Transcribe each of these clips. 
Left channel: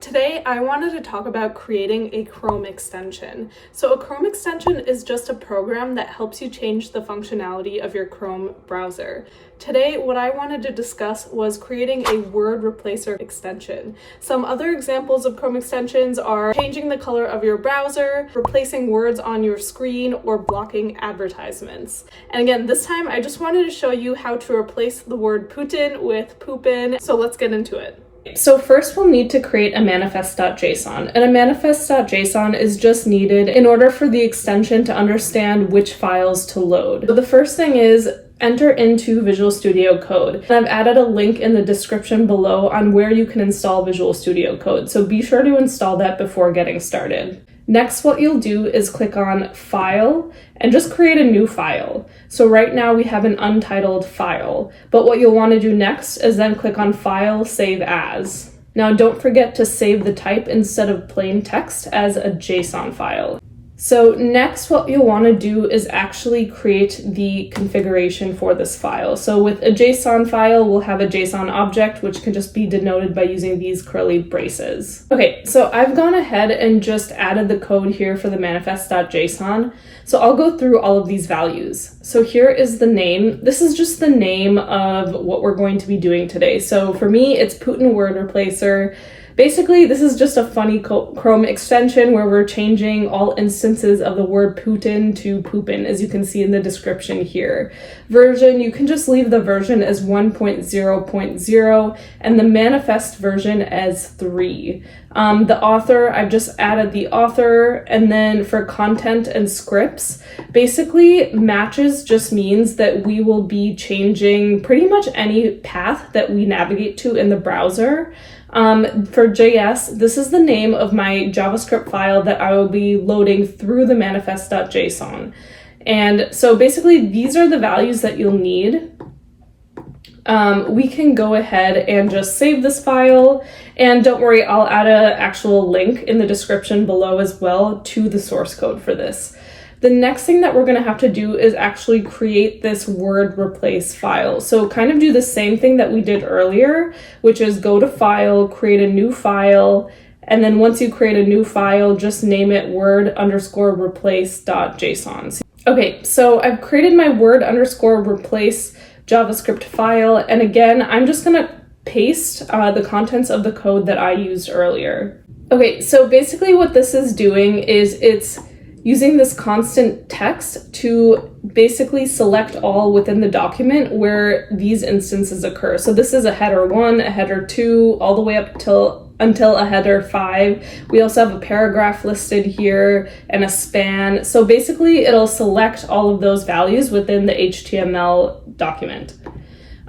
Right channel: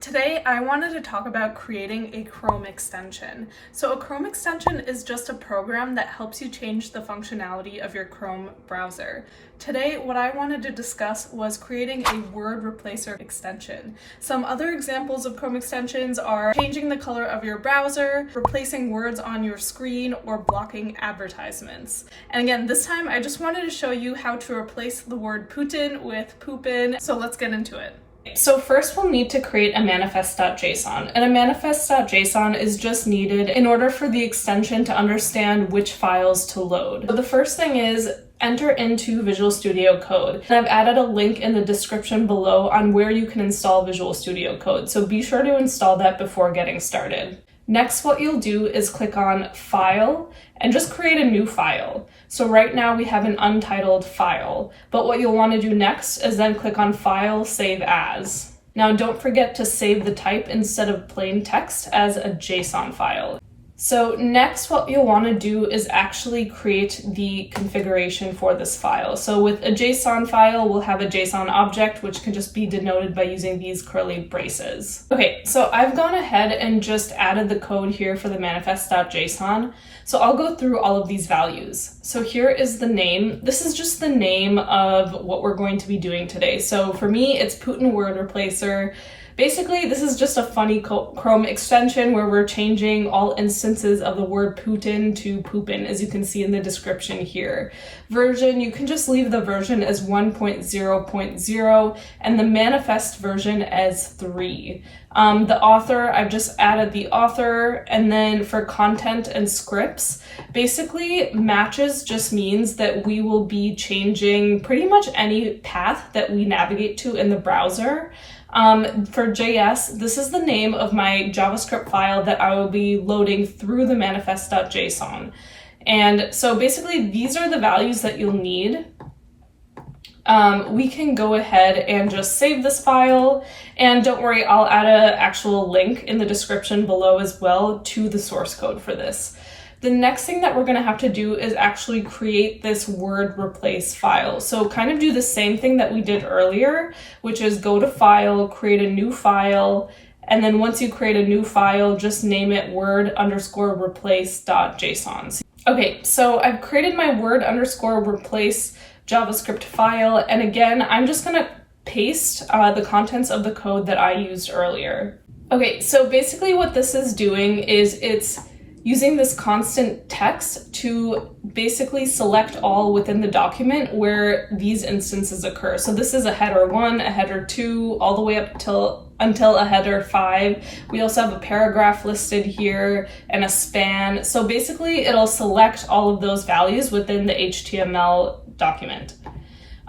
Today, I wanted to talk about creating a Chrome extension. So a Chrome extension is just a program that helps you change the functionality of your Chrome browser. Today, what I wanted to discuss was creating a word replacer extension. Some other examples of Chrome extensions are changing the color of your browser, replacing words on your screen, or blocking advertisements. And again, this time I just wanted to show you how to replace the word Putin with poopin'. So let's get into it. So first we'll need to create a manifest.json, and a manifest.json is just needed in order for the extension to understand which files to load. So the first thing is enter into Visual Studio Code. And I've added a link in the description below on where you can install Visual Studio Code, so be sure to install that before getting started. Next, what you'll do is click on File and just create a new file. So right now we have an untitled file, but what you'll want to do next is then click on File, Save As. Now don't forget to save the type instead of plain text as a JSON file. So next, what you'll want to do is actually create the configuration for this file. So with a JSON file, we'll have a JSON object, which can just be denoted by using these curly braces. Okay, so I've gone ahead and just added the code here for the manifest.json. So I'll go through all of these values. So here is the name. This is just the name of what we're going to be doing today. So for me, it's Putin word replacer. Basically, this is just a funny Chrome extension where we're changing all instances of the word Putin to poopin', as you can see in the description here. Version, you can just leave the version as 1.0.0 and the manifest version as 3. The author, I've just added the author, and then for content and scripts, basically matches just means that we will be changing pretty much any path that we navigate to in the browser. For JS, this is the name of my JavaScript file that I will be loading through the manifest.json. And so basically these are the values that you'll need. We can go ahead and just save this file, and don't worry, I'll add an actual link in the description below as well to the source code for this. The next thing that we're going to have to do is actually create this word replace file. So kind of do the same thing that we did earlier, which is go to File, create a new file, and then once you create a new file, just name it word_replace.json. Okay, so I've created my word_replace JavaScript file, and again, I'm just going to paste the contents of the code that I used earlier. Okay, so basically what this is doing is it's using this constant text to basically select all within the document where these instances occur. So this is a header 1, a header 2, all the way up until a header 5. We also have a paragraph listed here and a span. So basically it'll select all of those values within the HTML document.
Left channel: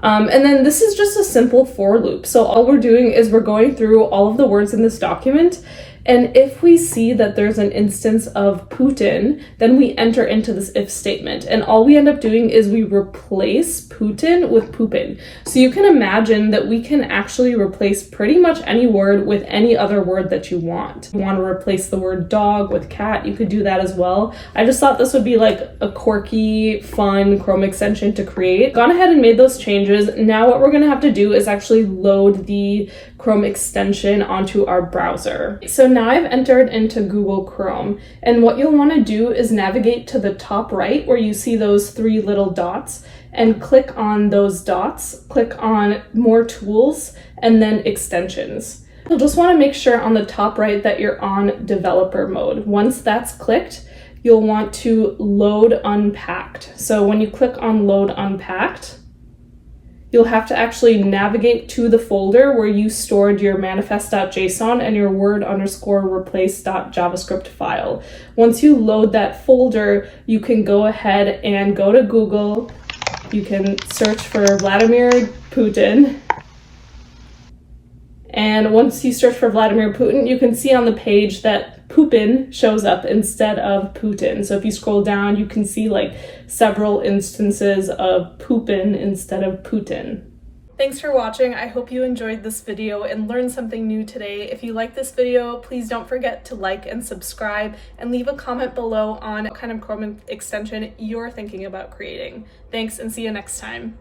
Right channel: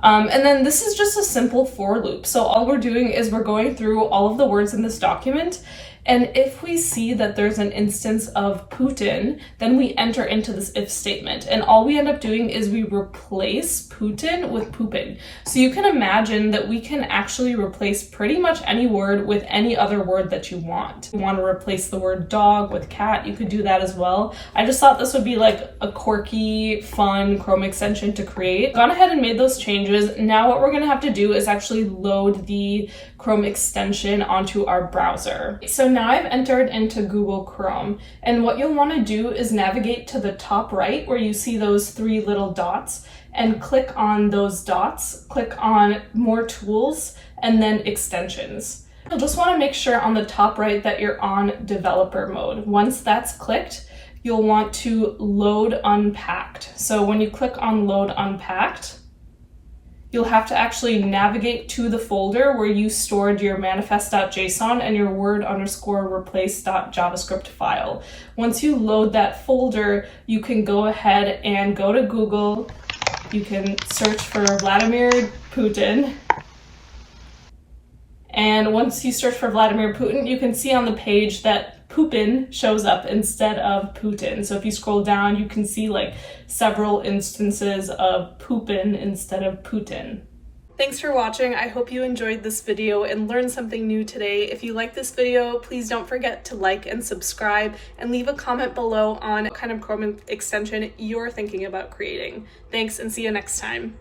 And then this is just a simple for loop. So all we're doing is we're going through all of the words in this document, and if we see that there's an instance of Putin, then we enter into this if statement. And all we end up doing is we replace Putin with poopin'. So you can imagine that we can actually replace pretty much any word with any other word that you want. If you want to replace the word dog with cat, you could do that as well. I just thought this would be like a quirky, fun Chrome extension to create. Gone ahead and made those changes. Now what we're going to have to do is actually load the Chrome extension onto our browser. So now I've entered into Google Chrome, and what you'll want to do is navigate to the top right where you see those 3 little dots and click on those dots, click on More Tools, and then Extensions. You'll just want to make sure on the top right that you're on developer mode. Once that's clicked, you'll want to load unpacked. So when you click on load unpacked, you'll have to actually navigate to the folder where you stored your manifest.json and your word_replace.javascript file. Once you load that folder, you can go ahead and go to Google. You can search for Vladimir Putin. And once you search for Vladimir Putin, you can see on the page that poopin' shows up instead of Putin. So if you scroll down, you can see like several instances of poopin' instead of Putin. Thanks for watching. I hope you enjoyed this video and learned something new today. If you like this video, please don't forget to like and subscribe and leave a comment below on what kind of Chrome extension you're thinking about creating. Thanks, and see you next time.